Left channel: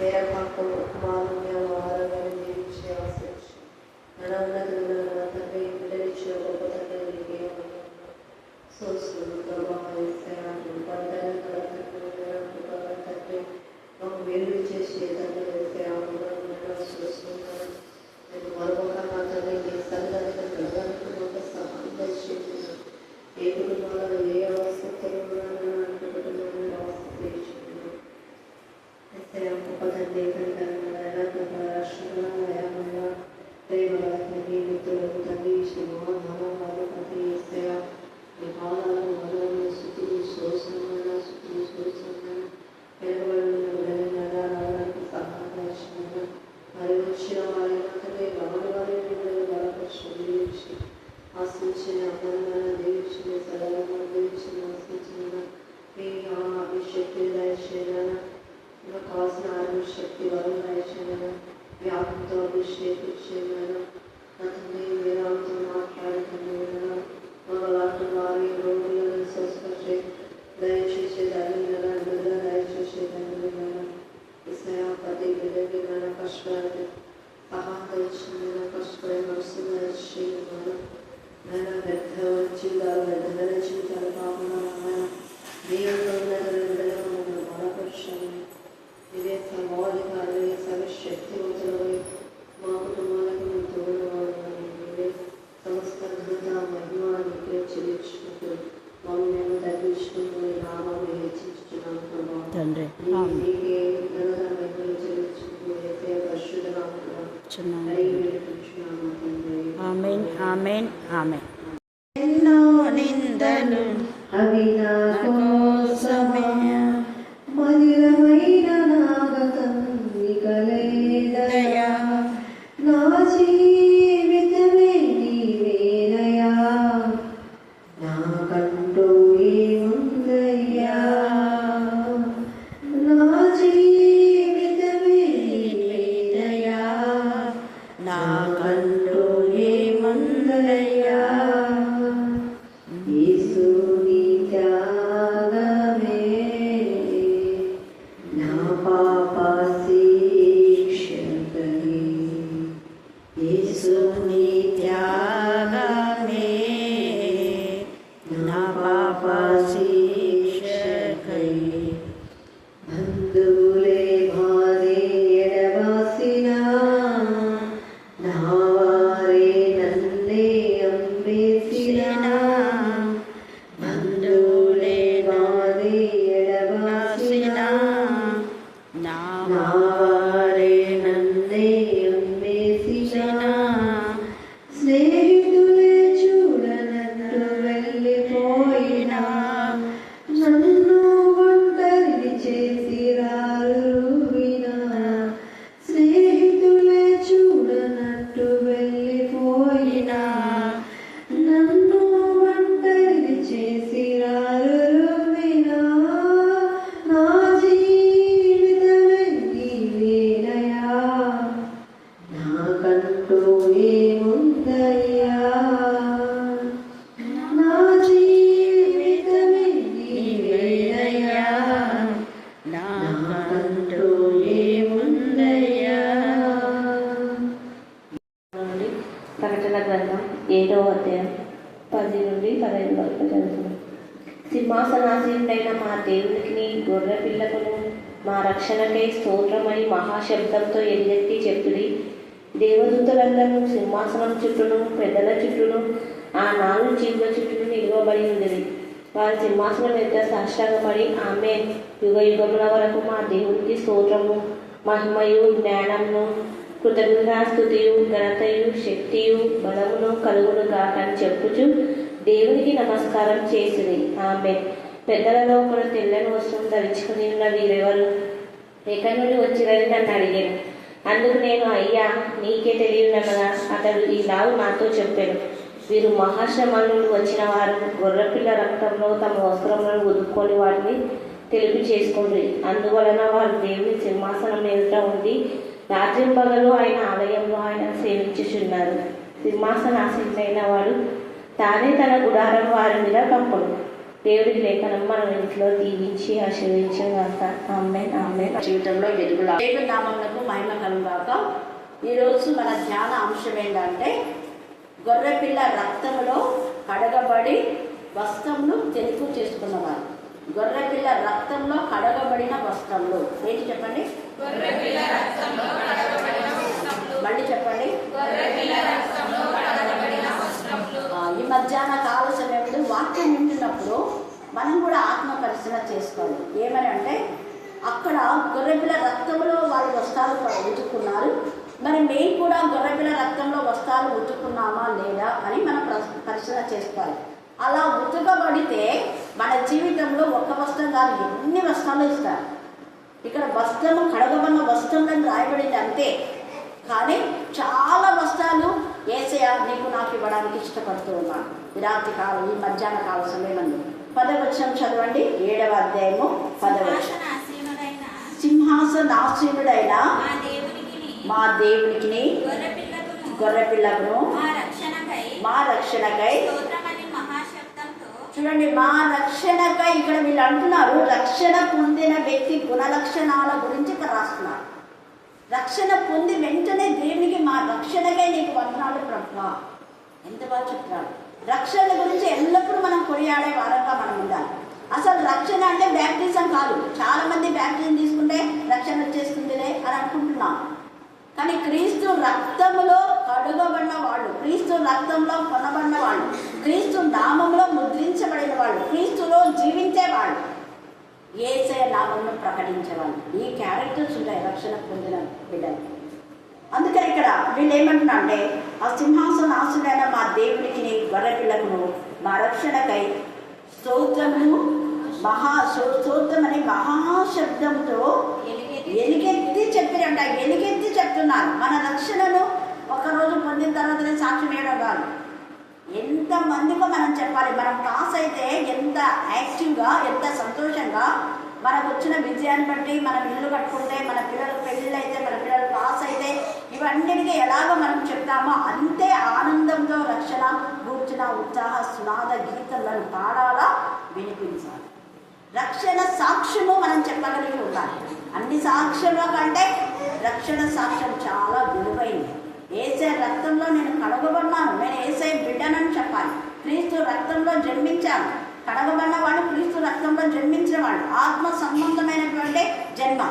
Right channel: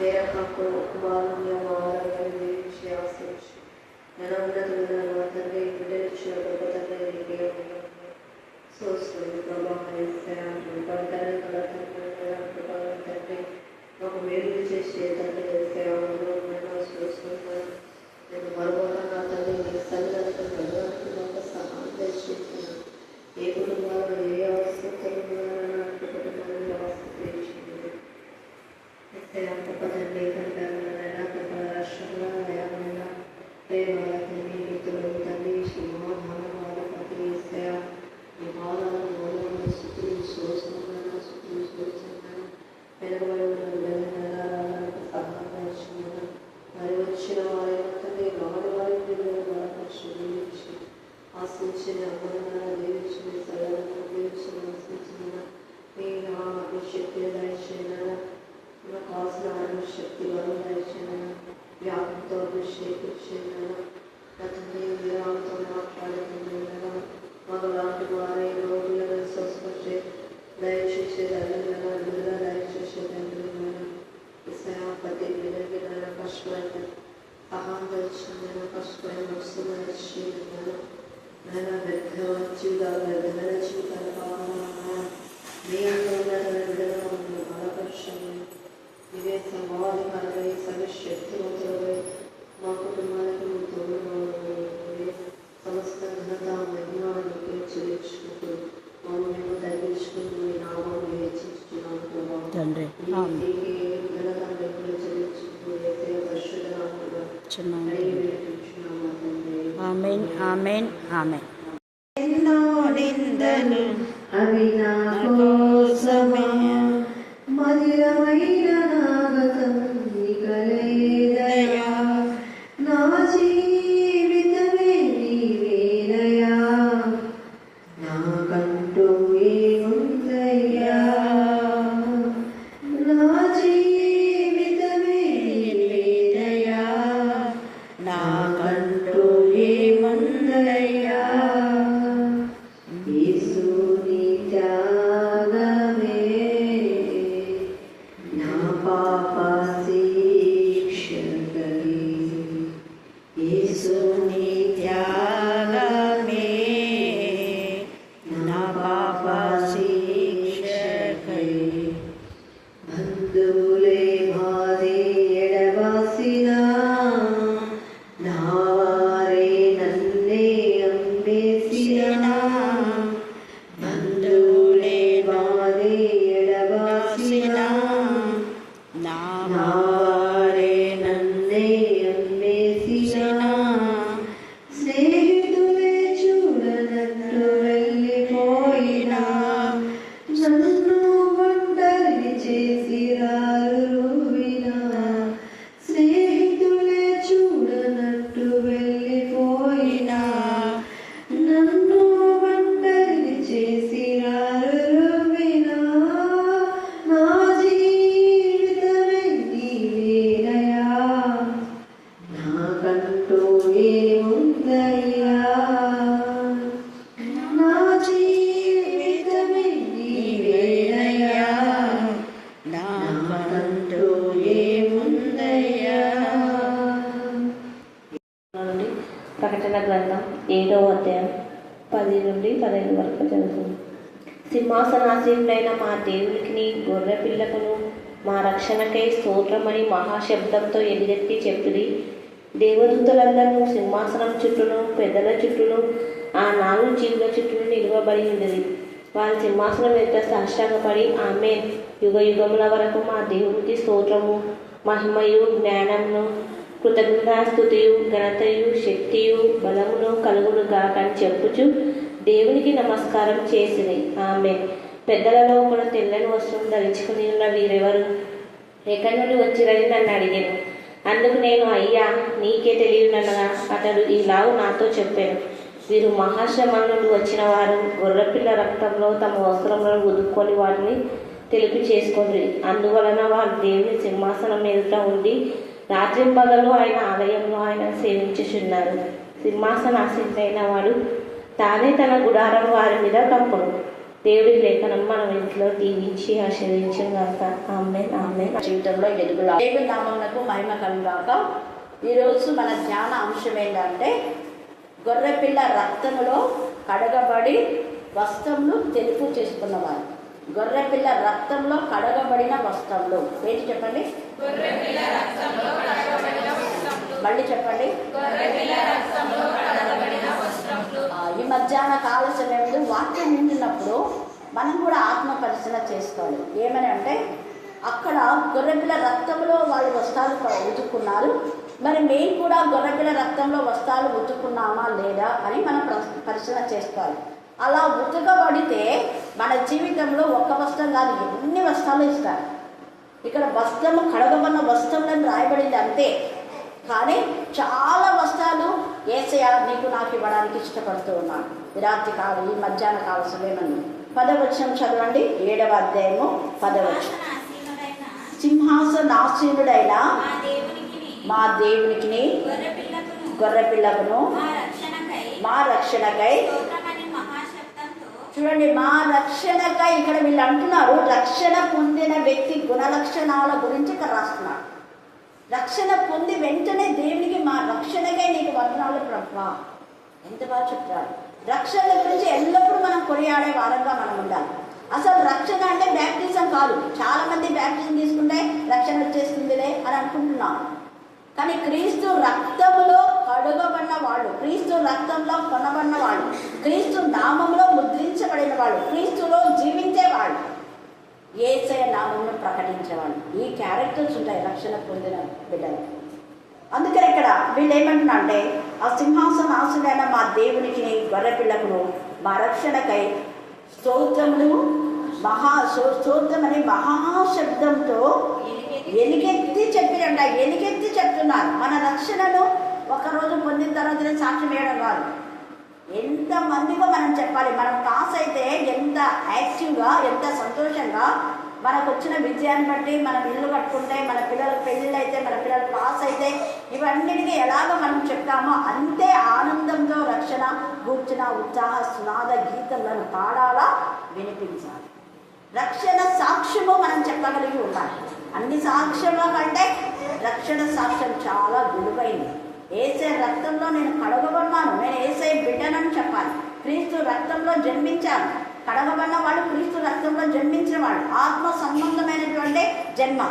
तेरा को बालन्य आरोग्य दीविंచి ఆశీర్వదించు. నన్నతులను తండ్రి బిడ్డలిచ్చిన గొప్ప తండ్రి నీకే వందనాలు. స్తోత్రం ప్రభా యేసయ్య పడతారు కదా తండ్రి మాకు మేలు చేసే తండ్రి యేసయ్య వందనాలు స్తోత్రం. నేను మరొక నా తండ్రి నీ సన్నిధికి వెళ్ళడానికి మాకు సహాయం దయచేసి ఏ కుటుంబాలలో ఏ అవసరం అనుకుంటున్నాను అవసరం చేయించుకున్నాను గొప్ప తండ్రి గొప్ప రాష్ట్రంలో ప్రేమాలకు మీ మిత్రులు తండ్రి సింహాలు ప్రతి ఈ భావాలను మొదలైన స్థితులు శోషణ స్థితులు శోషణ పెరగడానికి సహాయం మరి వచ్చిన వారి తండ్రి రాని వారి బలపరిచి ఆశించిన అందరంగా దేవించిన సరళంగా దేవించిన ఆశించిన మీ అభిషక్తి దయచేయన నాకు కావాల్సిన శక్తి వరం దయచేయన వ్యాధితో అభిషేకించేయన నా తండ్రి వీరాలతో మాట్లాడుతున్నాను మగలాంటి వారి రోగులను స్వస్థపరిచే దయచేసే ధైర్యం అందులో దయచేసే ధైర్యం ప్రతి బిడ్డకి కష్టపడితే సహాయం ఇచ్చిన కష్టపడి వస్తున్న నేను వ్యర్థ జీవితాలు వ్యర్థమైన జీవితాలు కాకుండా మీ అందరూ బలపరచండి. ఇదే సమాధికారి శక్తివంతులు మా కుటుంబాలకు మీ తోడు సమస్త ఘనత మహిమానికి చెల్లించుకుంటూ మమ్మల్ని తగ్గించుకుంటూ మీ నామాన్ని హెచ్చించుకున్నాను తండ్రి. ఆమేన్ ఆమేన్ ఆమేన్. ఎన్నో నిందలు అవి నా కోసమే మధురమైన నాగతం నికలేదయా నా జీవితమే నీవేనయా నాకంటూ ఏముందయ్యా నా జీవితమే నీవేనయా నాకంటూ ఏముందయ్యా యేసుని త్యాగమే నా పాప శిక్షకై యేసుని త్యాగమే నా పాప శిక్షకై బంధువులే బాధే ఎడబాసినా నా వారే నన్నే అంబేసినా బంధువులే బాధే ఎడబాసినా నా నా వారే నన్నే అంబేసినా స్నేహితులే చూడనట్టు వెళ్ళిపోయినా నన్ను ఒంటరి చేసి రారువినా స్నేహితులే చూడనట్టు వెళ్ళిపోయినా నన్ను ఒంటరి చేసి రారువినా నా జీవితమే నీవేనయా నాకంటూ ఏముందయ్యా నా జీవితమే నీవేనయా నాకంటూ ఏముందయ్యా. ప్రకటన గ్రంథం 7వ అధ్యాయం 10 నుండి 15 వరకు చదువుతుంది. సింహాసనాసీనుడైన మా దేవునికి గొర్రె పిల్లకును మా రక్షణకై స్తోత్రమని మహాశబ్దంతో ఎలుగెత్తి చెప్పుడి. దేవదూతలందరూ సింహాసనం చుట్టూను పెద్దల చుట్టూను ఆ 4 జీవుల చుట్టూను నిలువబడి ఉండేది. వారి సింహాసనం ఎదుట సాష్టాంగపడి ఆమేన్, యుగ యుగముల వరకు మా దేవునికి స్తోత్రము మహిమయు జ్ఞానమును కృతజ్ఞతాస్తుతియు ఘనతయు శక్తియు బలమును కలుగును గాకని చెప్పుచు దేవునికి నమస్కారం చేసింది. ఆమేన్. పెద్దలలో ఒకడు తెల్లని వస్త్రం ధరించుకుని ఉన్న వీరెవరు, ఎక్కడి నుండి వచ్చిరని నన్ను అడిగాను. అందుకు నేను, అయ్యా నీకే తెలియనగా అతడు ఈలావు నాతో చెప్పాను, వీరు మహాశ్రమ నుండి వచ్చిన వారు గొర్రెపిల్ల రక్తంలో తమ వస్త్రములను ఉదుక్కొని వాటిని తెలిపి చేసుకోండి. అందువలన వారు దేవుని సింహాసనం ఎదుట ఉండి రాత్రింపగలు ఆయన ఆలయంలో ఆయన సేవించుచున్నారు. సింహాసనాసీనుడైన వాడు తానే తన గుడారం వారి మీద కప్పును. దేవుడి లేఖనం మనం ఇంట్లో దీవించి ఆశీర్వదించిన గాక. ఆమేన్ ఆమేన్. జీవితంలో వెలుగులా దేవుడి నామమునకు మహిమ కలుగాక. ఈరోజు మన ధ్యాన అంశం ఏంటంటే గొర్రెపిల్ల రక్తములో కడగబడి వస్త్రములు తెలుపు చేసుకున్నవారు. గొర్రెపిల్ల రక్తంలో కడగబడిన వస్త్రములు ఏంటి చెప్పండి? మళ్ళీ చెప్పండి. ఈ మధ్యాహ్న కాల సమయంలో వాక్యం వింటున్నప్పుడు మనం కూడా ఆత్మ పరిశీలన చేసుకోవాలి. ఏమని అంటే అక్కడ గొర్రెపిల్ల రక్తంలో వాళ్ళు వస్త్రాలు ఉతుక్కున్నారు. మరి నేను కూడా గొర్రెపిల్ల రక్తంలో వస్త్రాలు ఉతుక్కున్నామా లేదా అని మనం పరిశీలన చేసుకోవాలి. అలా ఉతకబడితే మన జీవితంలో ఒక్క వస్త్రం కాదు, ఎన్ని వస్త్రాలు ఇస్తారు. ఇక్కడ వస్త్రము కడగబడిన వస్త్రంలో రాయబడింది అంతే, కానీ చాలా వస్త్రాలు యేసయ్య నీకు నాకు ఇవ్వడానికి ఇష్టపడుతూ ఉన్నాను. ఈ రాత్రి కాలం ఈ మధ్యాహ్న కాల సమయమందు 10వ వచనం చదవండి. 7వ అధ్యాయము 10వ వచనం. సింహాసనాసీనుడైన మా దేవునికి గొర్రెపిల్లకును మా రక్షణకై చూడండి, మా రక్షణకై. ఇక్కడ వీళ్ళు అంటున్నారు రక్షణ పొందిన వ్యక్తి గుణలక్షణాల గురించి ఇక్కడ రాస్తున్నారు. రక్షణ పొంది వెంటనే దేవునికి మా రక్షణకై నీకు వందనాలు ప్రభువా. ఎంత బాగా చెప్తారు. రక్షణ గురించి ఎల్లప్పుడూ మనం కొనియాడే వారంగా మనం ఉండాలి. అసలు రక్షణ అంటే బ్యాప్టిజం కాదు. చాలా మంది బ్యాప్టిజం తీసుకుంటే రక్షణ వచ్చేస్తుందిలే అని అనుకుంటున్నాం. కానీ క్రీస్తు రక్తంలో కడుగబడిన వాళ్ళు, క్రీస్తు రక్తంలో కొనబడిన వాళ్ళు, క్రీస్తు నామంలో ముద్రించబడిన వాళ్ళు, క్రీస్తులో జీవించేవాళ్ళు, యేసయ్య నామమును ప్రకటించేవాళ్ళు. ఈ క్యారెక్టర్స్ ఉంటాయి రక్షణ పొందిన బిడ్డలు. అందుకని ఇక్కడ వీళ్ళు ఏమంటున్నా అంటే ఆ సింహాసనాసుడైన మా దేవునికి గొర్రెపిల్లకును మా రక్షణకై స్తోత్రమును స్తోత్రమని మహాశబ్దంతో ఎలుగెత్తి చెప్పిరంట. ఎలుగెత్తి చెప్తున్నారు. మన రక్షణను ఒకరోజు పొందిన తర్వాత సాక్ష్యం వేయడం కాదు, ఎంత మందికో మనం చెప్పాలి. మనం పాస్ అయితే ఎంత యాక్టివ్గా, ఎంత సంతోషంగా, మనకు వచ్చిన విజయాన్ని బట్టి మనం ఇల్లు కట్టుకుంటే, మన పిల్లలకు పెళ్ళిళ్ళు అయితే, మన పిల్లలు పాస్ అయితే, ఇవన్నిటికీ ఎలాగో మనం చెప్తామో అంతే ఆనందంతో రక్షణ కూర్చున్న ఉత్సాహ స్నాద గీతలను పాడాలా, వినిపించాలి. రక్షణ సాక్ష్యము మనం చెప్పగలిగి ఉండాలి. అన్ని సాక్ష్యంలో కంటే రక్షణ సాక్ష్యం చాలా విలువైంది. యేసయ్య రక్తంలో నేను కడగబడినాను, నేను యేసయ్య బిడ్డనని చెప్పాలి. క్రీస్తు రక్తంలో జన్మించాను. కడగబడిన వాళ్ళు క్రీస్తు రక్తంలో జన్మించిన వాళ్ళు. ఆత్మ సంబంధమైనటువంటి జన్మ.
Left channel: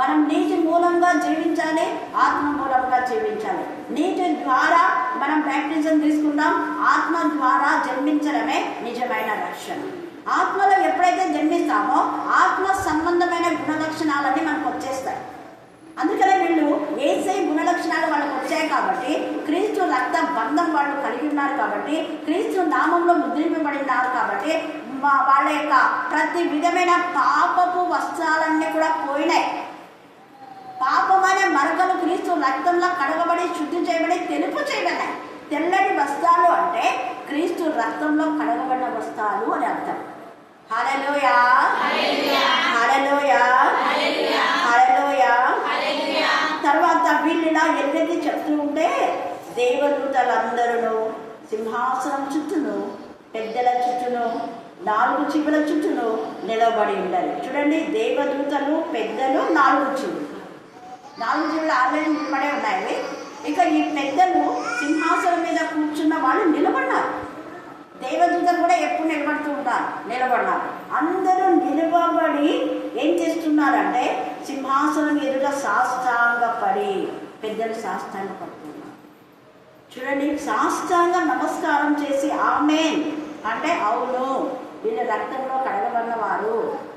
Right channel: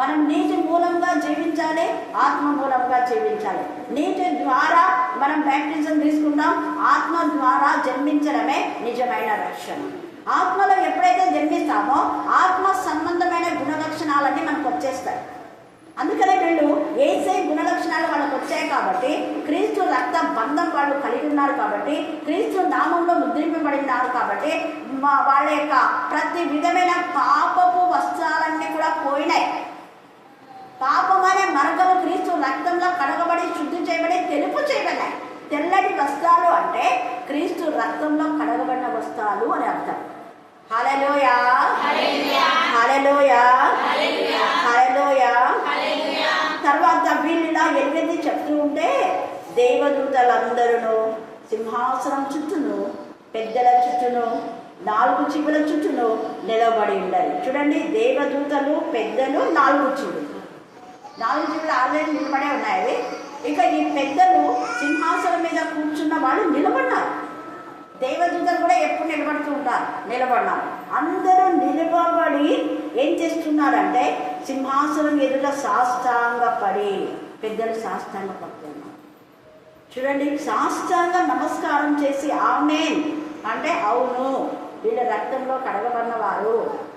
మనం నీటి మూలంగా జీవించాలి, ఆత్మ మూలంగా జీవించాలి. నీటి ద్వారా మనం బ్యాప్టిజం తీసుకుంటాం, ఆత్మ ద్వారా జన్మించడమే నిజమైన రక్షణ. ఆత్మలో ఎప్పుడైతే జన్మిస్తామో ఆత్మ సంబంధమైన గుణలక్షణాలన్నీ మనకు వచ్చేస్తాయి. అందుకనే వీళ్ళు యేసయ్య గుణలక్షణాలు వాళ్ళకు వచ్చాయి కాబట్టి, క్రీస్తు రక్త బంధం వాళ్ళు కలిగి ఉన్నారు కాబట్టి, క్రీస్తు నామంలో ముద్రింపబడినారు కాబట్టి, వాళ్ళ యొక్క ప్రతి విధమైన పాపపు వస్త్రాలన్నీ కూడా పోయినాయి. పాపం అనే మరకలు క్రీస్తు రక్తంలో కడగబడి శుద్ధి చేయబడి తెలుపు చేయబడినాయి. తెల్లటి వస్త్రాలు అంటే క్రీస్తు రక్తంలో కడగబడిన వస్త్రాలు అని అర్థం. హల్లెలూయా, హల్లెలూయా, హల్లెలూయా. తర్వాత వీళ్ళిలా ఎలుగెత్తి చెప్తూ ఉంటే దేవదూతలందరూ సింహాసనం చుట్టూను, పెద్దల చుట్టూను, 4 చివుల చుట్టూను నిలబడి ఉండాలి. చూడండి, దేవదూతలు, పెద్దలు, 4 చివులు. 4 చివులు ఆల్రెడీ నిలబడే ఉన్నాయి. ఇక ఈ పెద్దలు సింహాసనం మీద కూర్చున్న వాళ్ళు నిలబడినారు. దేవదూతలు కూడా ఎప్పుడు నిలబడినారు. అందరూ నిలబడి ఏం చేస్తున్నారంటే సింహాసనం ఎదుట సాష్టాంగ పడి, పెద్దలు సాష్టాంగ పడుతున్నారు. చూడండి, సాష్టాంగ నమస్కారం చేసి ఆమేన్ అంటే అవును, వీళ్ళ రక్తంలో కడగబడిన వారు,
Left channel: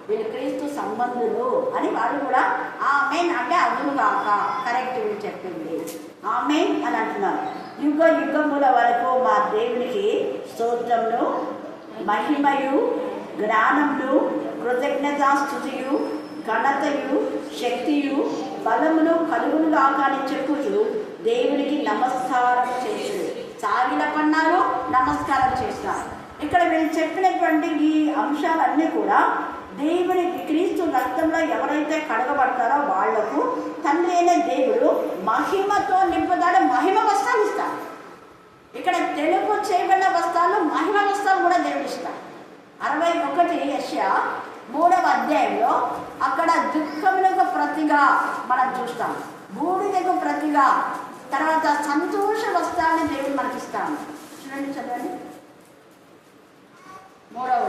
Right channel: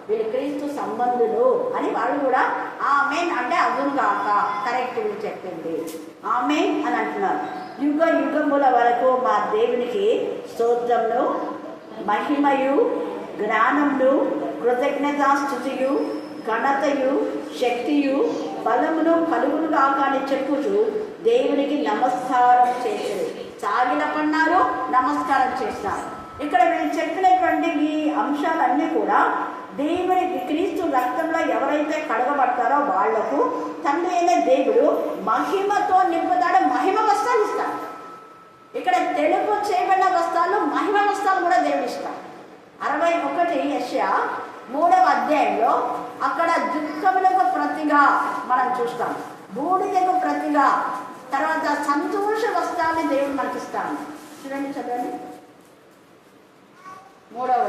వీళ్ళు క్రీస్తు సంబంధులు అని వాళ్ళు కూడా ఆమేన్ అంటే అవును కాక కరెక్ట్ వీళ్ళు చెప్పింది ఆమేన్ అని అంటున్నారు. యుగ యుగముల వరకు మా దేవునికి స్తోత్రమును, మహిమయు, జ్ఞానమును, కృతజ్ఞతాస్తుతియు, ఘనతయు, శక్తియు, బలమును కలుగును కాక అని చెప్పుచు దేవునికి నమస్కారం చేసి సాగిలపన్నారు, నమస్కారం చేస్తారు. ఇక్కడ వీళ్ళు చెప్పినటువంటి ఈ అంశాలన్నీ కూడా దేవునికి క్రీస్తు రక్తంలో ఎవరైతే కడగబడతారో వాళ్లకు తండ్రి అయిన దేవుడు మహిమతో నింపుతాడు, మహిమ వస్త్రాలు ఇస్తాడు. ఇక్కడ తెలుపు చేయబడిన వస్త్రాలు, మహిమ వస్త్రాలు కూడా దేవుడు ఇస్తాడు. 61 యెషయా 3వ అధ్యాయంలో అక్కడ దుఃఖములకు ప్రతిగా మనం చూస్తాం, బూడిదకు ప్రతిగా, తర్వాత సంతోష వస్త్రాన్ని దేవుడు మనకిస్తాను. చూడండి, చదవండి. 3వ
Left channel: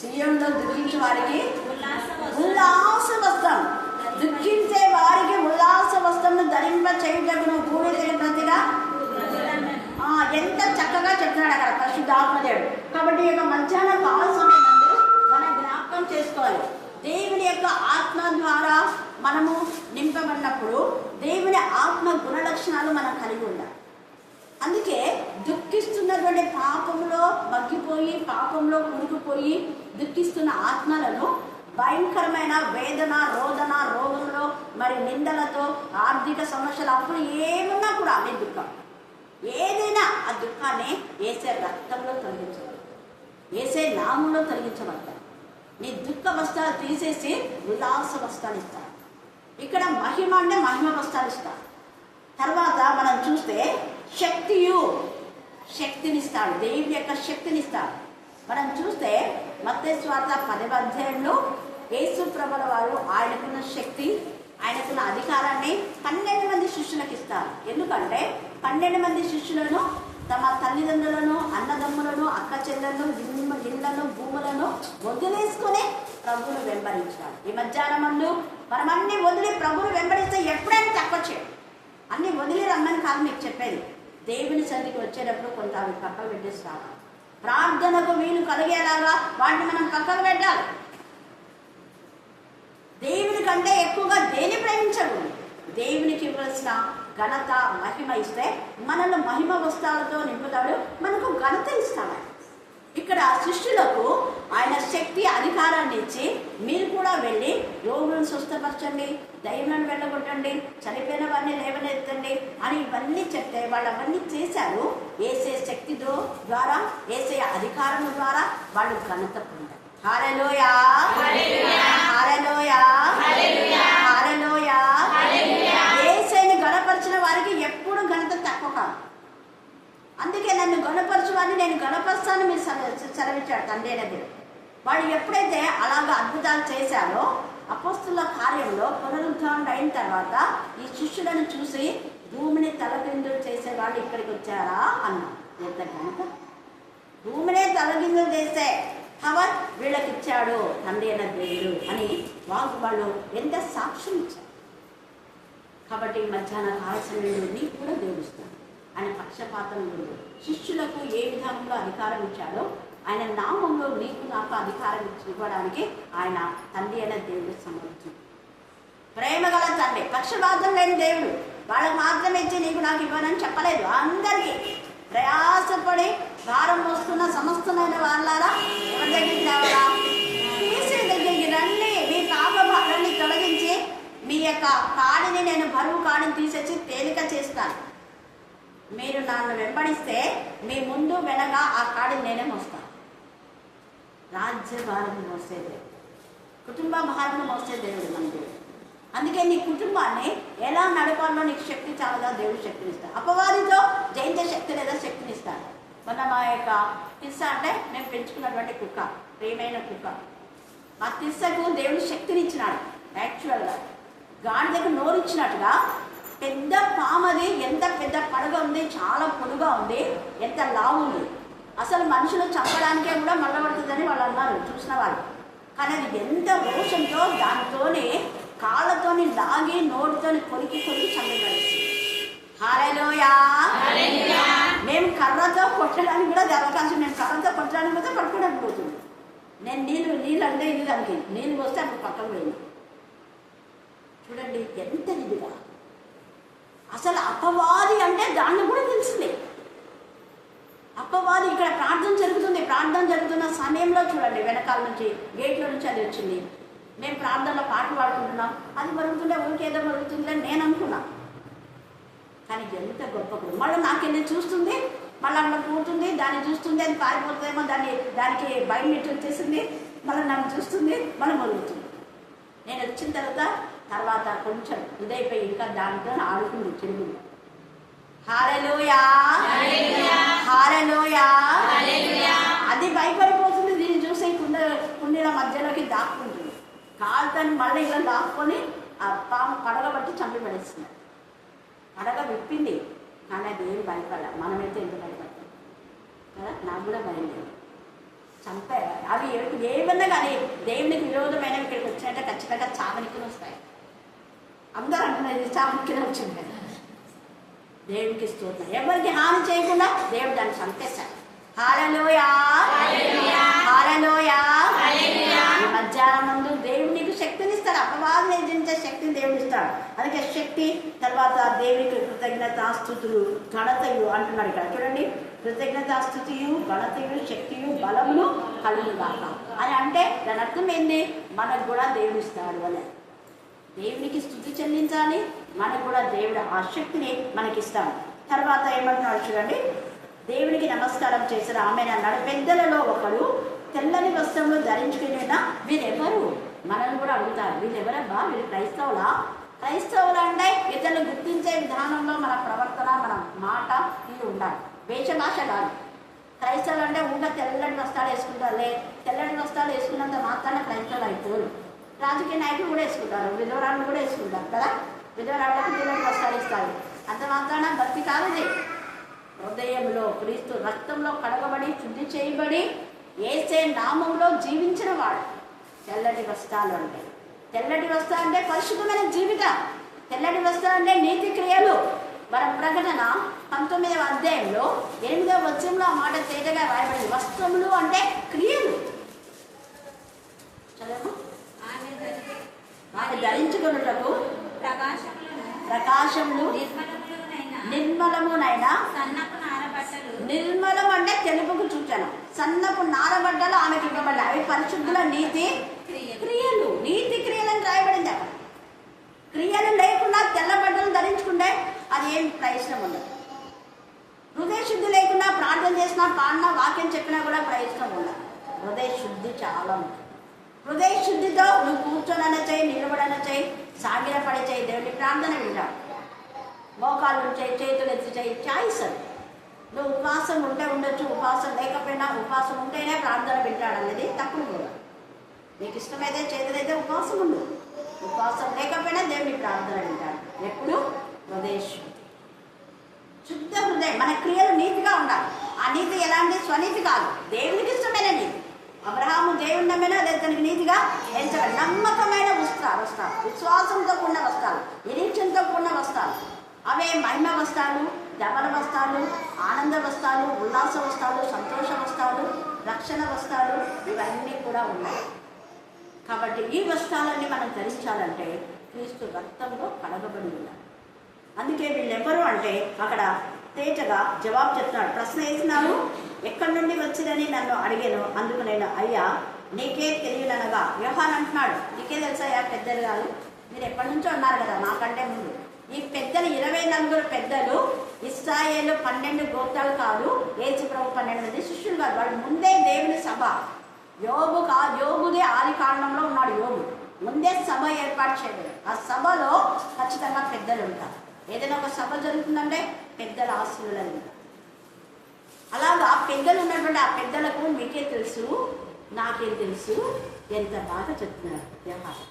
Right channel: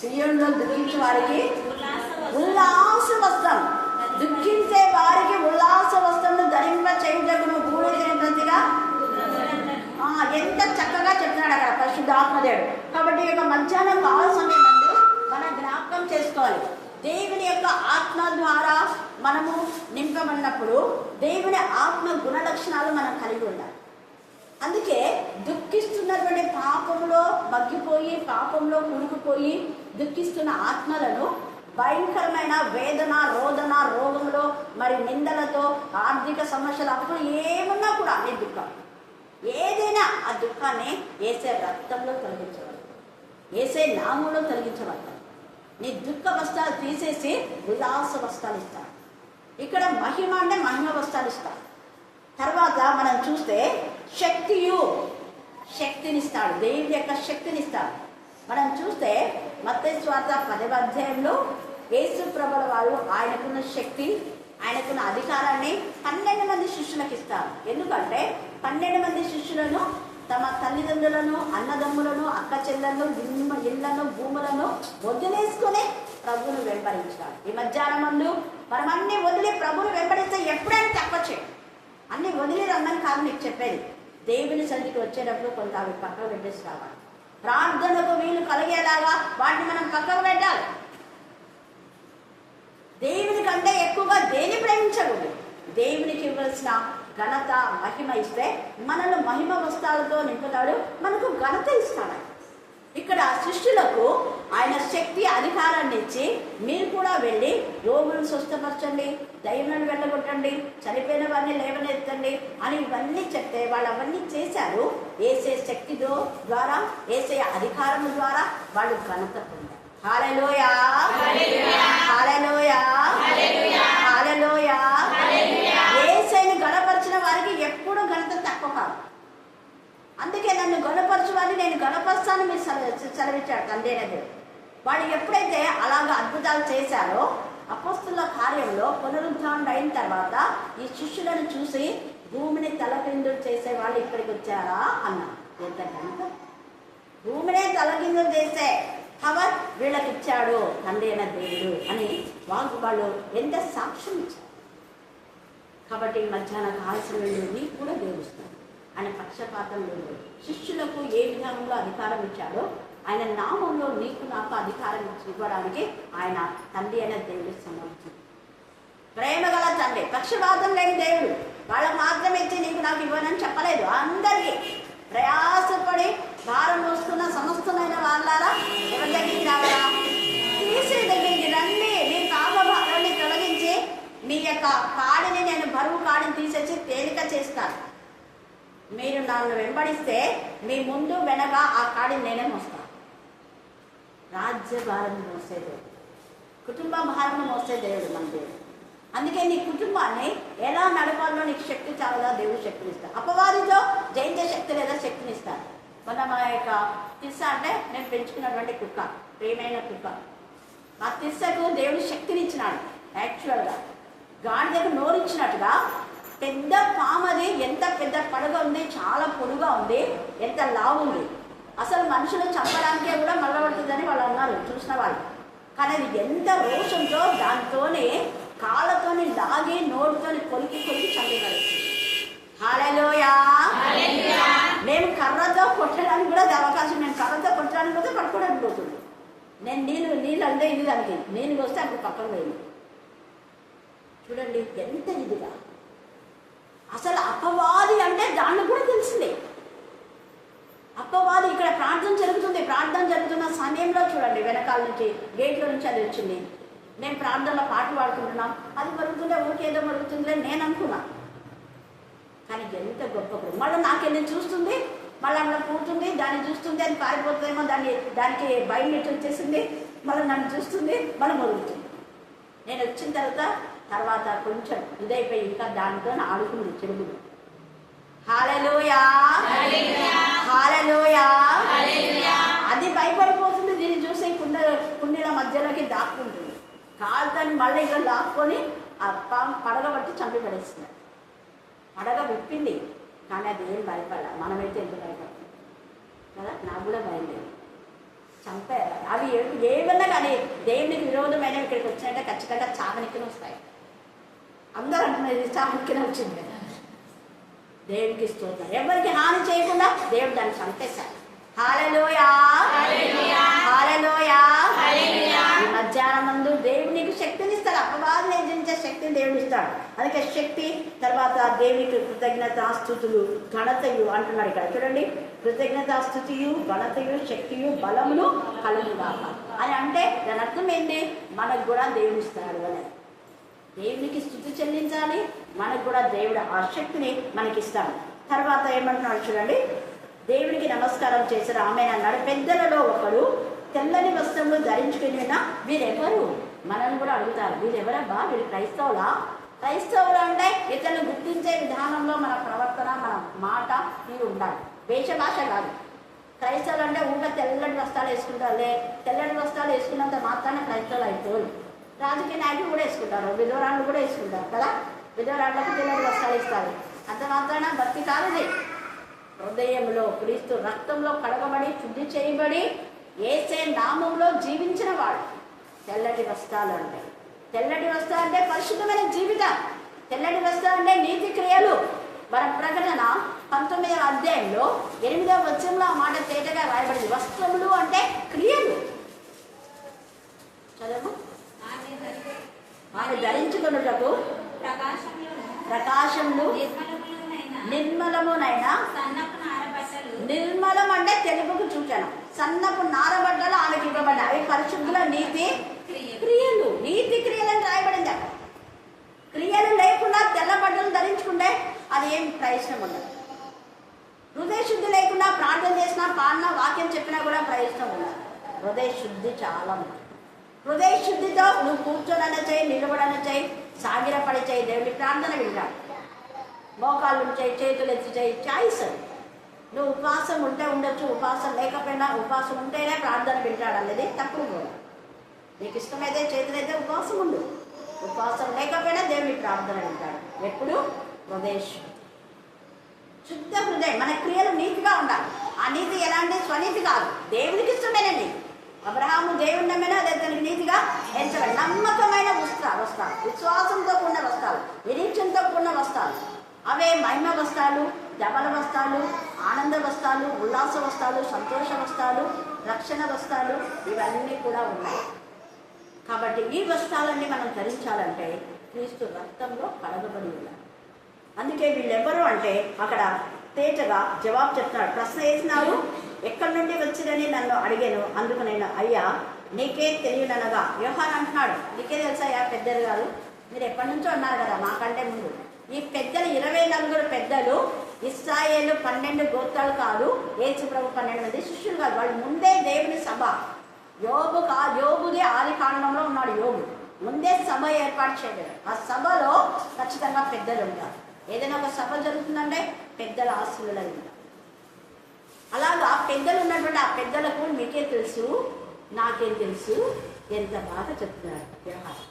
సీయోనులో దుఃఖించే వారికి ఉల్లాస వస్త్రం, దుఃఖించే వారికి ఉల్లాస వస్త్రం ధరింప చేయుటకు బూడిద ప్రతిగా. ఎంత చక్కగా చెప్తున్నాడు అక్కడ పరిశుద్ధాత్మదేవుడు. కాబట్టి ఈ యొక్క మధ్యాహ్నం కాల సమయం మనం జ్ఞాపకం చేసుకోవాలి. దేవుని యొక్క ఆత్మ ద్వారా మనము నింపబడినప్పుడు దేవుని ఆత్మ గుణ లక్షణాలు మనం కలిగి ఉండాలి. అందుకే దుఃఖిస్తున్నటువంటి పాపంలో మగ్గిపోయి, పాపంలో కునుకుపోయి దుఃఖిస్తున్న ఆత్మలను భయంకరమైన వేదన, రోదన, రోగంలో, మరి నిందలతో, ఆర్థిక సమస్యలు, అప్పుడు ఏమన్నా కూడా అనే దుఃఖం, ఏదైనా ఆ దుఃఖాన్ని యేసే రక్తంలో తొలగించాలి, యేసే నామంలో తొలగించబడతారు. నీ దుఃఖ వస్త్రాలు తీసేసి ఉల్లాస వస్త్రాలు ఇస్తారు. ఇక్కడ మహిమ అంటే మహిమ వస్త్రాలు ఇస్తారు. తర్వాత మనం చూస్తే శక్తినిస్తాడు, దేవుని యొక్క శక్తినిస్తాడు. మనం చూస్తే మత్తయి సువార్త 10వ అధ్యాయంలో యేసు ప్రభుల వారు ఆయనకున్న శక్తి, ఆయనకున్న అధికారాన్ని 12 మంది శిష్యులకు ఇస్తారు. ఎందుకంటే 12 మంది శిష్యులను తమ తల్లిదండ్రులను, అన్నదమ్ములను, అక్క చెల్లెలను, ఇళ్లను, భూములను వదిలేసుకుని ప్రభువును వెంబడించాడు. ఈ మధ్యాహ్నం ముందు మనం అన్ని వదిలి ప్రభువును వెంబడిస్తే ఎప్పుడైనా తక్కువ చేయండి. అన్ని వదిలి రమ్మని కాదు మీకు చెప్పేది. దేవుని సన్నిధికి వచ్చేటప్పుడు కొంత అవి పక్కకు పెట్టేసి రావాలి. ప్రార్థనకు వీలు కలిగేలాగా వాటిని మనం పక్కకు పెట్టాలి. దేవుని కంటే ఎక్కువగా దేని ప్రేమించకూడదు. దేవునికి ఇవ్వాల్సిన ఘనత, మహిమ ఇస్తే మనల్ని మహిమ వస్త్రాలతో నింపుతాడు, మనకు ఘనత ఇస్తాడు. ఇక్కడ శిష్యులకు ఆయన శక్తి, అధికారాన్ని ఇచ్చి మీరు కూడా వెళ్ళి రోగులను స్వస్థపరచండి, దయ్యాలను వెళ్ళగొట్టండి, చనిపోయిన వారిని లేవనెత్తండి అని ఇవన్నీ చెప్తే వాళ్ళు అవన్నీ చేశారు. యేసే శక్తి ద్వారా, యేసే అధికారం ద్వారా వాళ్ళు ఘనత పొందారు. హల్లెలూయా, హల్లెలూయా, హల్లెలూయా. యేసయ్యను గణపరిచిన వారికి ఎప్పుడు ఘనత తక్కువ కాదు. అందుకే నన్ను గణపరచు వారిని నేను గణపరుస్తాను మీరు సెలవిచ్చాడు తండ్రి అయిన దేవుడు. వాడు ఎప్పుడైతే అలాగా అద్భుతాలు చేశారో అపోస్తుల కార్యంలో పునరుద్ధరణ అయిన తర్వాత ఈ శిష్యులను చూసి భూమిని తలకిందులు చేసే వాళ్ళు ఇక్కడికి వచ్చారా అన్నా. ఎంత ఘనత! భూమినే తలకిందులు చేసే పవర్ వీళ్ళకి ఇచ్చాడు తండ్రి అయిన దేవుడు అని వాళ్ళు ఎంత సాక్ష్యం ఇచ్చారు. కాబట్టి మధ్యాహ్న కాల సమయంలో నీకు కూడా దేవుడిస్తాడు. ఆయన పక్షపాతం లేదు. శిష్యులకు ఏ విధానంలో అధికారం ఇచ్చాడో ఆయన నామంలో నీకు నాకు అధికారం ఇవ్వడానికి ఆయన తండ్రి అయిన దేవుడు సమర్థించాడు. ప్రేమ గల తండ్రి, పక్షపాతం లేని దేవుడు. వాళ్ళకు మాత్రమే ఇచ్చి నీకు నాకు ఇవ్వనని చెప్పలేదు. అందరికీ ప్రయాసపడి భారం మోస్తున్న సమస్తమైన వాళ్ళారా ఎవరి దగ్గరికి రావాలా? తీసే దగ్గరికి రండి. మీ పాప భారాన్ని తొలగించి మీ యొక్క కాడిని, నేను బరువు కాడిని తీసేసి తేలిక చేస్తాను. మీరు నన్ను వెంబడిస్తే మీ ముందు వెనక ఆ కాడిని నేనే మోస్తాను. రాజ్య భారం మోసే దేవుడు, కుటుంబ భారం మోసే దేవుడు మన దేవుడు. అందుకే నీ కుటుంబాన్ని ఎలా నడపాలో నీకు శక్తి చాలదా దేవుడు శక్తినిస్తాడు. అపవాదితో జయించే శక్తి లేదా శక్తినిస్తాడు. మొన్న మా యొక్క తిస్స అంటే నేను పెంచుకున్నటువంటి కుక్క, ప్రియమైన కుక్క, ఆ తిస్సకు దేవుడు శక్తినిచ్చినాడు. యాక్చువల్గా గాడిదకు నోరిచ్చినట్టుగా పెద్ద పామది, ఎంత పెద్ద పడగ ఉంది, చాలా పొడుగా ఉంది, ఎంత లావు ఉంది. అసలు మనుషులు చంపడానికే కూడా మల్లబడుతుందని వాళ్ళు అన్నారు చూసిన వాళ్ళు. కానీ అది ఎంత రోషంతో దానితోని కాళ్ళతోని లాగి నోటితోని కొరికి చంపగలుగుతుంది. హల్లెలూయా. మేము కర్రతో కొట్టడానికి కూడా అవకాశం, మేము కర్రతో కొట్టడానికి కూడా పట్టుకోవడానికి పోతుంది. నేను నీళ్ళు అంటే ఇది దానికి నీళ్ళు వస్తే అప్పుడు పక్కన పోయింది. చూడండి ఎంత ఇదిగా. అసలు అపవాది అంటే దాన్ని కూడా తెలిసిందే. అపవాది ఇక్కడ ప్రార్థన జరుగుతున్న సమయంలో చూడండి వెనకాల నుంచి గేట్లో నుంచి అది వచ్చింది. మేము ప్రార్థనలో పాటలు పాడుకుంటున్నాం, అది మరుగుతుండే ఊరికేదో మరుగుతుందిలే నేను అనుకున్నా. కానీ ఎంత గొప్ప గురు. మళ్ళీ నాకెళ్ళి చూస్తుంది, మళ్ళీ అక్కడ పోతుంది, దాన్ని చూస్తుంది, అది పారిపోతుందేమో, దానికి భయం ఎట్టు వచ్చేసింది, మళ్ళీ నన్ను చూస్తుంది, మళ్ళీ మరుగుతుంది. నేను వచ్చిన తర్వాత కొంచెం ఇదైపోయి ఇంకా దానితో ఆడుకుంది చెడుగుడు. హల్లెలూయా, హల్లెలూయా. అది భయపడిపోతుంది, నీళ్ళ మధ్యలోకి దాక్కుంటుంది. కాలుతని మళ్ళీ ఇలా లాక్కొని ఆ పాము పడగ బట్టి చంపి పడేస్తుంది. పడగ విప్పింది, కానీ అది ఏం భయపడాలి. మనమైతే ఎంత భయపడతాం కదా. నాకు కూడా భయం లేదు. చంపే అవి ఏమన్నా కానీ దేవునికి విరోధమైనవి ఇక్కడికి వచ్చినట్టే ఖచ్చితంగా చావనికిన వస్తాయి. అందరూ అంటున్నారు చావనికిన వచ్చింది కదా. దేవునికి స్తోత్రం. ఎవరికి హాని చేయకుండా దేవుడు దాన్ని చంపేశాడు. హల్లెలూయా, హల్లెలూయా. ఈ మధ్యాహ్నం ముందు దేవుడు నీకు శక్తిని ఇస్తాడు. అపవాదం ఎదిరించే శక్తిని దేవుడు ఇస్తాడు. అందుకే శక్తి, తర్వాత దేవునికి కృతజ్ఞతాస్తుతులు, ఘనతయు అంటున్నాడు ఇక్కడ. చూడండి, కృతజ్ఞతాస్తుతియు, ఘనతయు, శక్తియు, బలమును కలుగుగాక అని అంటే దాని అర్థం ఏంటి? మనకు కూడా దేవుడు ఇస్తాడు అని. దేవునికి స్తుతి చెల్లించాలి, మనకు కూడా దేవుడు ఆ శక్తిని మనకిస్తాడు. తర్వాత ఏమంటున్నాడు చూడండి, దేవునికి నమస్కారం చేశారు ఆమె అన్నాడు. పెద్దలలో ఒకడు తెల్లని వస్త్రములు ధరించుకునేనా వీరెవరు? మనల్ని కూడా అడుగుతారు, వీరెవరబ్బా, వీరు క్రైస్తవులా? క్రైస్తవులు అంటే ఇతరులు గుర్తించే విధానంలో మన ప్రవర్తన, మన మాట ఇవి ఉండాలి. వేషభాష కాదు. క్రైస్తవులు అంటే ఊగా తెల్లటి వస్త్రాలు వేసుకుంటారులే. తెల్లటి వస్త్రాలు వేసుకున్నంత మాత్రాన క్రైస్తవులు అయిపోరు. రాజకీయ నాయకులు కూడా వేసుకుంటారు, విధవరాళ్ళు కూడా వేసుకుంటారు కదా. విధవరాళ్ళకి తెల్లటి వస్త్రాలు ఇస్తారు. అంత మాత్రాన భక్తి కాదు. హృదయంలో క్రీస్తు రక్తంలో కడగబడి శుద్ధి చేయబడి యేసే నామంలో జీవించిన వాడు తెల్లటి వస్త్రాలు అంటే. తెల్లటి వస్త్రం అంటే పరిశుద్ధమైన జీవితం. తెల్లటి వస్త్రం అంటే నీతి క్రియలు. మన ప్రకటన 19వ అధ్యాయంలో 8వ వచనంలో ఆ మాట తేటగా రాయబడింది. వస్త్రములు అంటే క్రియలు. చదవము. ఆమె ధరించుకొనుటకు ప్రకాశములు, నిర్మలమునైనా. నిర్మలం అంటే తెలుపుకు సూచన. సన్నపు నారబడ్డలు ఆమెకి ఇవ్వబడ్డాయి. అవి పరిశుద్ధుల నీతి క్రియలు. నీతి క్రియలని రాయబడింది. క్రియలు లేకుండా తెల్ల బట్టలు ధరించుకుంటే అది ఏం ప్రయోజనం ఉండదు. హృదయ శుద్ధి లేకుండా ప్రార్థన చేసినా, పాడినా, వాక్యం చెప్పినా కూడా ప్రయోజనం ఉండదు. హృదయ శుద్ధి చాలా ఉంది. హృదయ శుద్ధితో నువ్వు కూర్చోనని చేయి, నిలబడని చేయి, సాగిరపడి చేయి, దేవుడి ప్రార్థన వింటాడు. మోకాళ్ళు చేయి, చేతులు ఎత్తి చేయి, చాయిస్ అది. నువ్వు ఉపవాసం ఉంటే ఉండొచ్చు, ఉపవాసం లేకపోయినా ఉపవాసం ఉంటేనే ప్రార్థన వింటాడు అనేది తప్పుడు కూడా. నీకు ఇష్టమైతే చేతులైతే ఉపవాసం ఉండు, ఉపవాసం లేకపోయినా దేవుని ప్రార్థన వింటాడు. ఎప్పుడు? హృదయ శుద్ధ హృదయం. మన క్రియలు నీతిగా ఉండాలి. ఆ నీతి ఎలాంటి స్వనీతి కాదు, దేవునికి ఇష్టమైన నీతి. అబ్రహాము దేవుని నమ్మినా అదే తనకి నీతిగా ఎంచబడి. నమ్మకమైన వస్త్రాలు, విశ్వాసంతో కూడిన వస్త్రాలు, నిరీక్షణతో కూడిన వస్త్రాలు. అవే మహిమ వస్త్రాలు, జబల వస్త్రాలు, ఆనంద వస్త్రాలు, ఉల్లాస వస్త్రాలు, సంతోష వస్త్రాలు, రక్షణ వస్త్రాలు, ఇవన్నీ కూడా ఉన్నాయి. కాబట్టి ఈ వస్త్రాలన్నీ మనం ధరించాలంటే క్రీస్తు రక్తంలో కడగబడి ఉండాలి. అందుకే వీళ్ళెవ్వరు అంటే అక్కడ తేటగా జవాబు చెప్తున్నాడు. ప్రశ్న వేసినారు, ఎక్కడి నుండి వచ్చిరని నన్ను అడిగాను. అందుకు నేను, అయ్యా నీకే తెలియననగా. యోహాన్ అంటున్నాడు, నీకే తెలుసయ్యా పెద్దలు కాదు, మీరు ఎప్పటి నుంచో అన్నారు కదా నాకంటే ముందు. ఈ పెద్దలు 24 పెద్దలు ఇశ్రాయేలు 12 గోత్రాలు కాదు, యేసు ప్రభు 12 మంది శిష్యులు కాదు. వాళ్ళు ముందే దేవుని సభ, యోబుది ఆది కాండంలో ఉన్నాడు. యోబు ముందే సభ ఏర్పాటు చేయలేదు. ఆ సభలో ఖచ్చితంగా పెద్దలు ఉంటారు. ఏదైనా ఒక సభ జరుగుతుందంటే పెద్దల ఆశీర్వాదాలు ఉంటారు. అలాగా పెద్దలు ఉన్నటువంటి ఆ పెద్దలకు మీకే తెలుసు, నాకేం తెలుసు, ఎంత బాగా చెప్తున్నారు వ్యవహారం.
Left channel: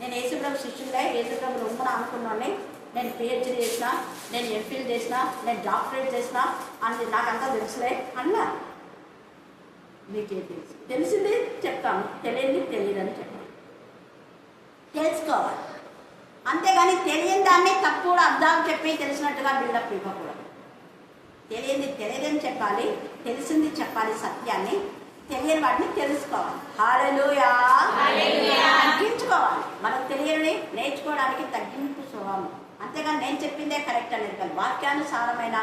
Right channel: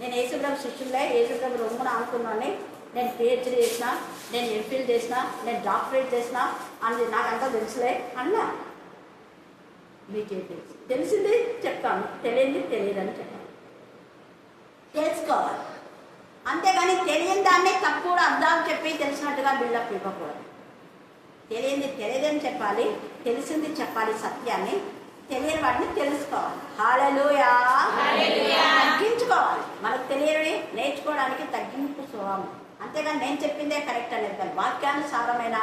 నేను యేసుప్రభు శిష్యులే, యేసుప్రభు రొమ్మన అనుకున్నాను. నేను పిహెచ్డీ చేసిన, నేను ఎంఫిల్ చేసిన, నేను డాక్టరేట్ చేసిన అని నాకంతా తెలుసులే అన్నా. మీకే తెలుసు, తెలిసింది చెప్తాను, తెలియంది తెలియదని చెప్తాను. తెలుసుకోవాలి. అంతేగాని తెలియని దాన్ని తప్పుడు అర్థాలు చెప్పి తెలిసినట్టుగా బిల్డప్ ఇవ్వకూడదు. తెలియంది తెలియదని చెప్పాలి, తెలిసింది చెప్పాలి సత్యాన్ని. తెలియని వాటిని తెలుసుకోవాలి. హల్లెలూయా. తగ్గించుకోవాలి. మనకు తెలియని నేర్చుకోవడానికి తగ్గింపు స్వభావం. అంతేగాని నేను చెప్పిందే కరెక్ట్ అనేది కానీ వాక్యానుసారమైన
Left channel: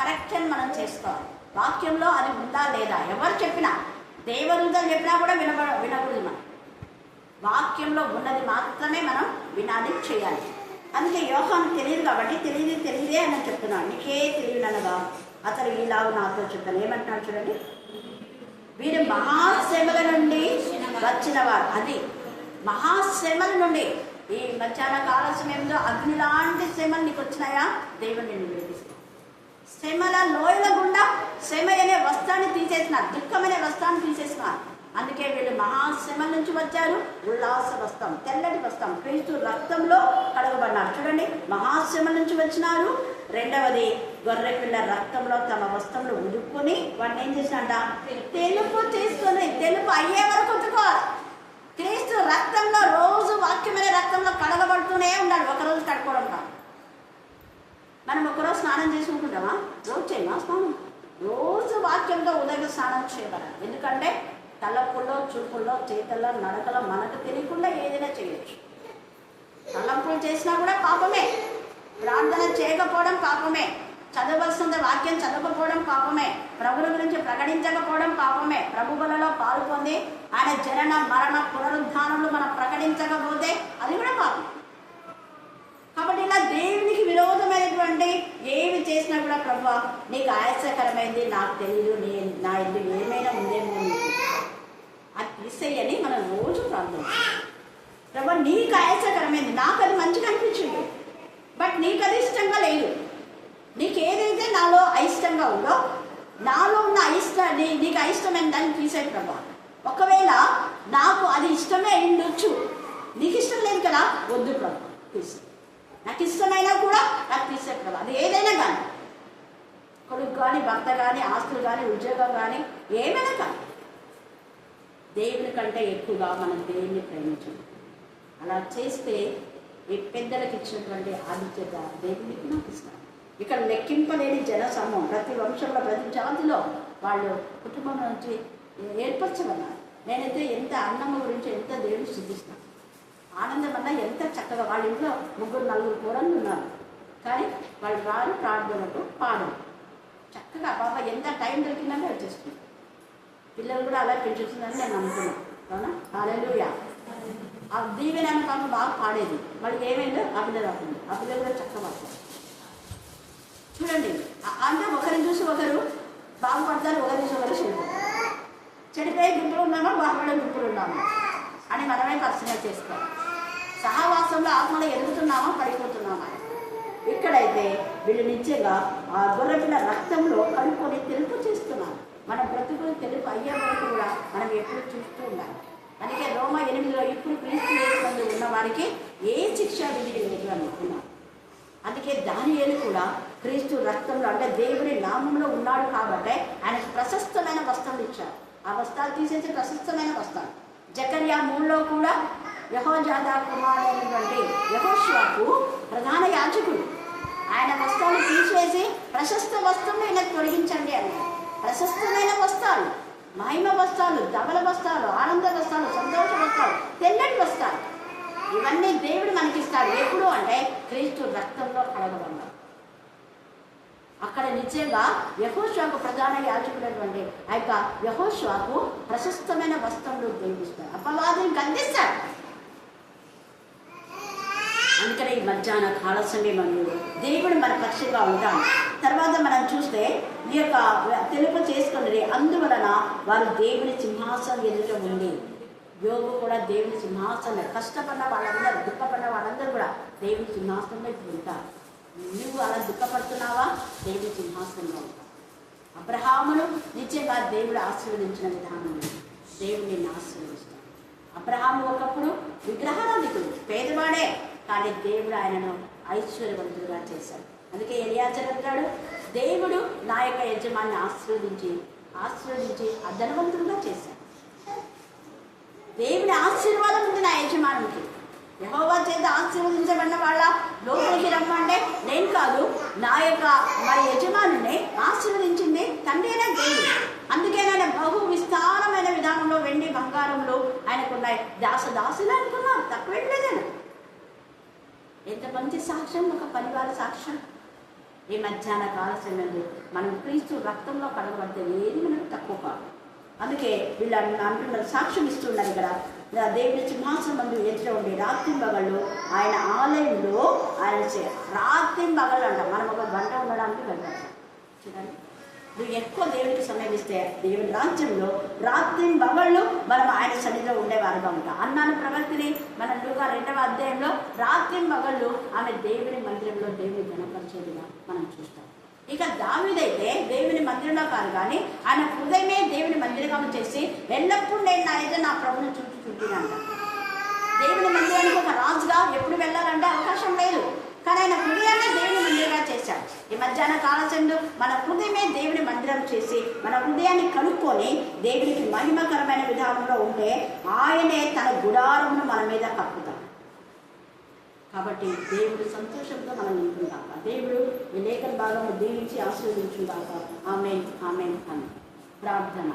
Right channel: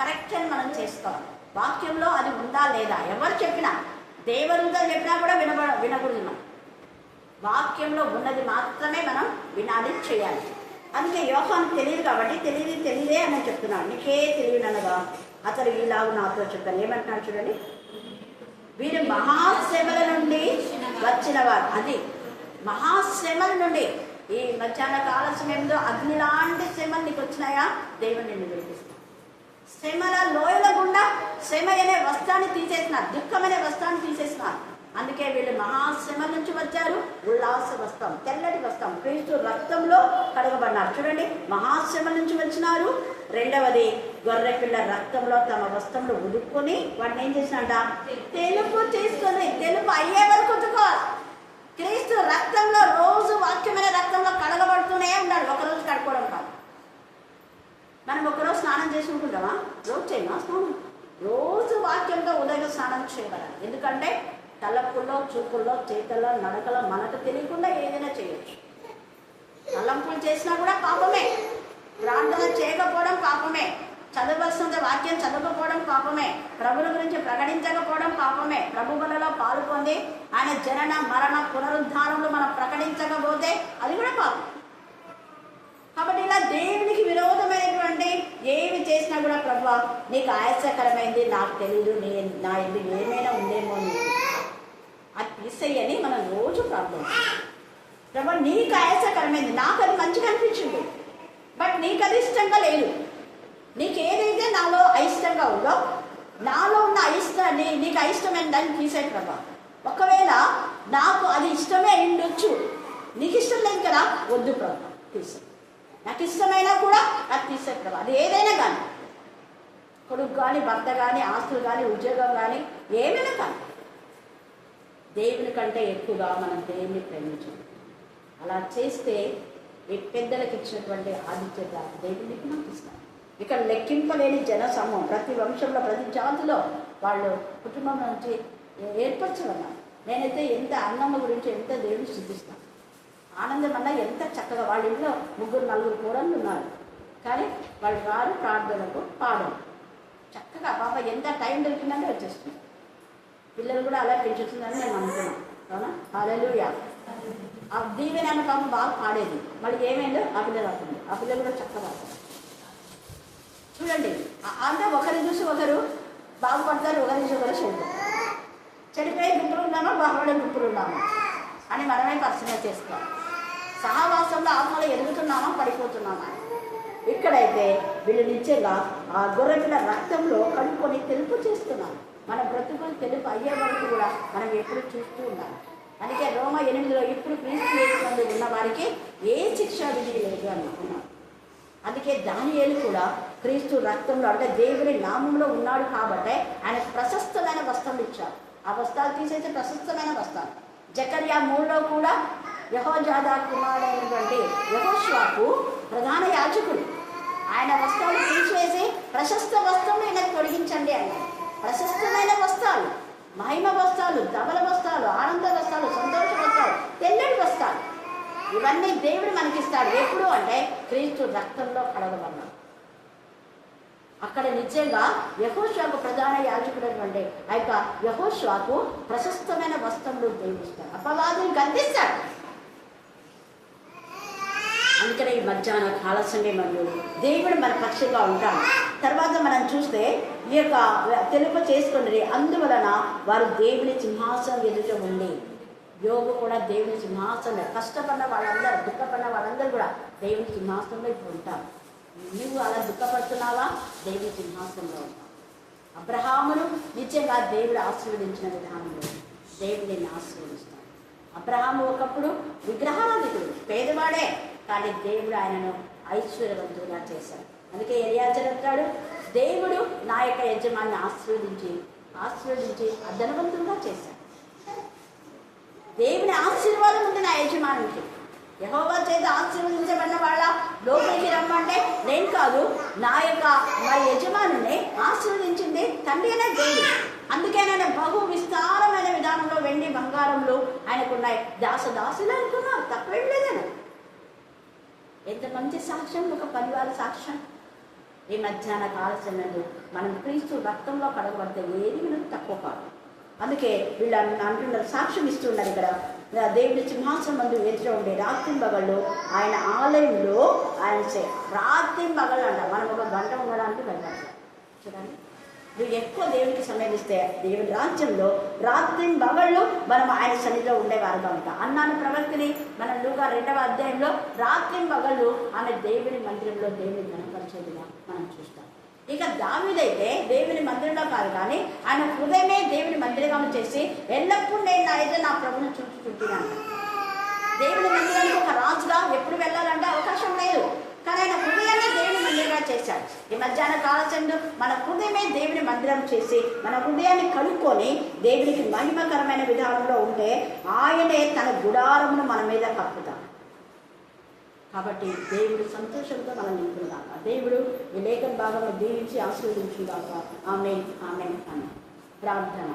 కరెక్షన్ మనం చేసుకోవాలి. వాక్యంలో అది ఉందా లేదా, ఎవరు చెప్పినా, దేవదూతలు చెప్పినా కూడా వినకూడదు. మనం వాక్యంలో ఉన్నది మాత్రమే మనం వినాలి, చేయాలి. అందుకే యోహాను తెలియదు కాబట్టి తెలియదే అని చెప్తున్నాడు. నీకే తెలియననగా అతడు ఈలాగు నాతో చెప్తాను. ఏమంటున్నాడు చూడండి, వీరు మహాశ్రమల నుండి వచ్చిన వారు. అది మహాశ్రమల నుండి. ఈ మధ్యాహ్న కాల సమయంలో అగ్ని లాంటి శ్రమలు నీకు వచ్చినాయా, దేవుని నిన్ను విడిపిస్తాను. శ్రమల లోయల గుండా శ్రమ అనే వస్త్రాన్ని తీసేసినారు, దుఃఖం అనే వస్త్రాన్ని తీసేసినారు. అందుకే వీళ్ళు మహాశ్రమ నుంచి వచ్చారు. ఉల్లాస వస్త్రం, తెల్లటి వస్త్రం, క్రీస్తు రక్తంలో కడగబడినారు. చూడండి, మహాశ్రమ నుంచి వచ్చినారు. రెండవది, గొర్రెపిల్ల రక్తంలో తమ వస్త్రములు ఉడుక్కుని వాడిని ఏం చేసినట్ట, తెలుపు చేసుకొని, తెలుపు అయ్యే వరకు ఉతుకోవాలి. క్రీస్తు రక్తంలో, రోజు వాక్యమైన రక్తంలో కడగబడుతూనే ఉండాలి. ఒకరోజు కడుక్కోవడం కాదు. మనం ఒకరోజు స్నానం చేసుకుంటామా? రోజు చేయమా స్నానం? రోజు వాక్యంగా ఉదయ స్నానం చేయగలరు. ఎందుకంటే తలపుల్లో, చూపుల్లో, చేతల్లో, నడకలో మనకు తెలియకుండా ఏదైనా చేయొచ్చు. తలంపులు చేసినా కూడా పాపమే. ప్రార్థన చేయకపోవడం పాపమే. చదవలసిన వాక్యం చదవకపోవడం పాపమే. ప్రభుల గురించి ప్రకటించకపోవడం పాపమే. ప్రభు బలలో పాలు పొంది ఆయన జనన, మరణ, పునరుద్ధానములు మనం ప్రకటించకపోతే అది కూడా పాపం. కాబట్టి ఇలా దేవునికి విరోధమైనటువంటి ఏమి చేసినా కూడా, ప్రభువా నీకు ఆయాసకరమైంది, నాకు తెలియదు, నా ఎందుకు ఏమైనా ఉందేమో నీకు, అది తీసేయని మనం రోజు ప్రార్థించాలి. ప్రభువా నీకు ఆయాసకరమైంది, నాకు అది మంచిగా అనిపించింది, బట్ నీకు అది ఇష్టంగా లేదు. నీకు ఏదైతే నాలో అయిష్టంగా ఉందో, నాలో ఉన్న నీకు అయిష్టమైన దాన్ని తీసే ప్రభా. ఒకవేళ నాకు అది ఇష్టమే ఉండొచ్చు, నీకు ఇష్టం లేదు కదా, వద్దు ప్రభా తీసే. నాకు ఇష్టమైనా కూడా అది తీసే ప్రభా. అది ఏదైనా కానీ, కొడుకు కానీ, భర్త కానీ, ఆస్తులు కానీ, ఉద్యోగం కానీ, ఏమైనా కానీ, దేవుని కంటే ఎక్కువగా మనం దేవుని ప్రేమించాలి. అలా చేస్తే ఈ పెద్దలకు ఇచ్చినటువంటి ఆదిత్యత దేవునికి నాకు ఇస్తాను. ఇక్కడ లెక్కింపలేని జన సమూహం, ప్రతి వంశంలో, ప్రతి జాతిలో వాళ్ళు కుటుంబం నుంచి ఏర్పరచమన్నారు. నేనైతే ఎంత అన్నమ్మ గురించి ఎంత దేవుని శుద్ధిస్తాను. ఆనందం అన్నా ఎంత చక్కగా, వాళ్ళ ఇంట్లో 3-4 కూరలు ఉన్నారు, కానీ వాళ్ళు రారు ప్రార్థనకు, పాడరు. చక్కగా పాప ఎంత టైం దొరికిందంటే వచ్చేస్తుంది. పిల్లలు కూడా అలా పెంచుతుందని నేను నమ్ముతున్నాను. అవునా? హల్లెలూయా. ఆ దీవెన పాప బాగా పాడేది. వాళ్ళు ఏమైందో ఆ పిల్లలు అవుతుంది. ఆ పిల్లలు కూడా చక్కగా పాడతారు. చూడండి, అంటే ఒకరిని చూసి ఒకరు బాగుపడతారు, ఒకరిని చూసి ఒకరు చెడిపోతారు. చెడిపోయే గుంపులు ఉన్నామా, బాగుపడే గుంపులు ఉన్నామా అని మనమే పరిశీలన చేసుకోవాలి. సహవాసంలో ఆత్మలో ఎదుగుతున్నామా, పడిపోతున్నామా? ఇక్కడైతే వీళ్ళు నిత్యంగా ఆ గొర్రెపిల్ల రక్తంలో కడుక్కొని తెలుపు చేస్తున్నారు. మన బ్రతుకులు తెలుపు అయ్యే వరకు కూడా మనం ఎప్పుడు చూస్తూ ఉండాలి. అందుకే రోమ 8లో ఇప్పుడు క్రీస్తు యేసునందు ఉన్న వారికి ఏ శిక్ష విధి లేదు అనుకున్నారు. అందుకే దానియేలు కూడా క్రీస్తు రక్తంలో, అంటే దేవుని నామంలో ఉన్నాడు కాబట్టి ఆయన ప్రశస్తమైన వస్త్రాలు ఇచ్చారు. ఆ వస్త్రాలు తీసేసి ప్రశస్తమైన వస్త్రాలు. జకర్యా 3లో కూడా యెహోజాదా కుమారుడైనటువంటి యెహోషువకు ప్రధాన యాజకుడు, ఆయన వస్త్రాలు తీసివేసి ప్రశస్త వస్త్రం ఈయనకు తొలగించండి అన్నారు. ప్రశస్తమైన వస్త్రాలు, మహిమ వస్త్రాలు, ధవల వస్త్రాలు, ఆనంద వస్త్రాలు, సంతోష వస్త్రాలు, తెల్లటి వస్త్రాలు, ఇవన్నీ దేవుడు మనకిస్తాడు. ఎప్పుడు అంటే క్రీస్తు రక్తంలో కడగబడ్డాడు. అక్కడ నిజంగా యెహోషువకు ప్రధాన యాజకుడైనటువంటి ఆ యొక్క యెహోషువకు ప్రశస్తమైన వస్త్రములు దేవుడిస్తాడు. అపవాదిని గద్దిస్తాడు. అందుకనే ఈ మధ్యాహ్న కాల సమయంలో దేవుడు మన పక్షంగా ఉంటాడు. తర్వాత మనం చూస్తే ఈ యొక్క తెలుపు చేసుకున్నది, అందువలన వారు దేవుని సింహాసనం ఎదుట ఉంది. యోగు కూడా దేవుని సింహాసనం, కష్టపడిన వాళ్ళందరూ, దుఃఖపడిన వాళ్ళందరూ కూడా దేవుని సింహాసనంలో ఇప్పుడు ఉంటారు. నువ్వు అలా దుఃఖపడుతున్నావా? దేవుని సింహాసనంలో ఉంటావు. అబ్రహామును నిత్యంగా దేవుడు ఆశీర్వదించిన విధానంలో దేవుడు నిన్ను ఆశీర్వదిస్తాడు. అబ్రహాము ఒకప్పుడు విగ్రహారాధికుడు, పేదవాడే, కానీ దేవుడు ఆయనను ఐశ్వర్యవంతుడుగా చేశాడు. అందుకే ఎలియాజరు అంటాడు, దేవుడు నా యొక్క యజమాన్ని ఆశీర్వదించి ధనవంతుడుగా చేశాడు. దేవుని ఆశీర్వాదం ఉంది నా యజమానికి. యెహోవా చేత ఆశీర్వదించబడిన వాళ్ళ లోపలికి రమ్మంటే నేను కాదు, మా యజమానిని ఆశీర్వదించింది తండ్రి అనే దేవుడు. అందుకే ఆయన బహు విస్తారమైన విధానంలో వెండి బంగారంలో ఆయనకున్నాయి. దాసులు అనుకున్నారు, తక్కువ లేదు. ఎంత మంచి సాక్ష్యం, ఒక పరివార సాక్ష్యం. ఈ మధ్యాహ్న కాల సమయంలో మనం క్రీస్తు రక్తంలో కడగబడితే ఏది మనకు తక్కువ కాదు. అందుకే వీళ్ళు అంటున్నారు, సాక్ష్యం ఇస్తున్నారు. ఇక్కడ దేవుని సింహాసనం ముందు ఎదురు ఉండే రాత్రి మగళ్ళు ఆయన ఆలయంలో ఆయన రాత్రి మగళ్ళు అంట. మనం ఒక గంట ఉండడానికి వెళ్ళాలి. చూడండి, నువ్వు ఎక్కువ దేవునికి సమయం ఇస్తే దేవుని రాజ్యంలో రాత్రి మగళ్ళు మనం ఆయన సన్నిధిలో ఉండేవారుగా ఉంటాం. అన్నాను ప్రవక్తిని మన లూకా 2వ అధ్యాయంలో రాత్రి మగళ్ళు ఆమె దేవుని మందిరంలో దేవుని ఘనపరిచేదిగా మనం చూస్తాం. ఇక దావీదైతే దేవుని మందిరంలో కాదు కానీ ఆయన హృదయమే దేవుని మందిరంగా చేసి ఎల్లప్పుడూ నేను అయితే నా ప్రభుని చూపుతుంటానంట. దేవుని మందిరానికి ఒక రాజుగా ఎప్పుడు వెళ్ళాలంటే అవకాశం లేదు, కానీ ఆయన హృదయాన్ని దేవుని మందిరంగా చేశాడు. ఈ మధ్యాహ్న కాలచందు మన హృదయమే దేవుని మందిరం చేసి మన హృదయాన్ని కనుక్కొని దేవునికి మహిమకరమైన విధానంలో ఉంటే ఆయనే తన గుడారమును మన మీద కప్పుతాడు. కాబట్టి దేవుడు సంతోషంతో మనం నింపుదాక. దేవుడు ఈ లేఖన భాగంలో దీవించి ఆశీర్వదించుదాక. ఆమేన్ ఆమేన్ ఆమేన్. ప్రార్థన.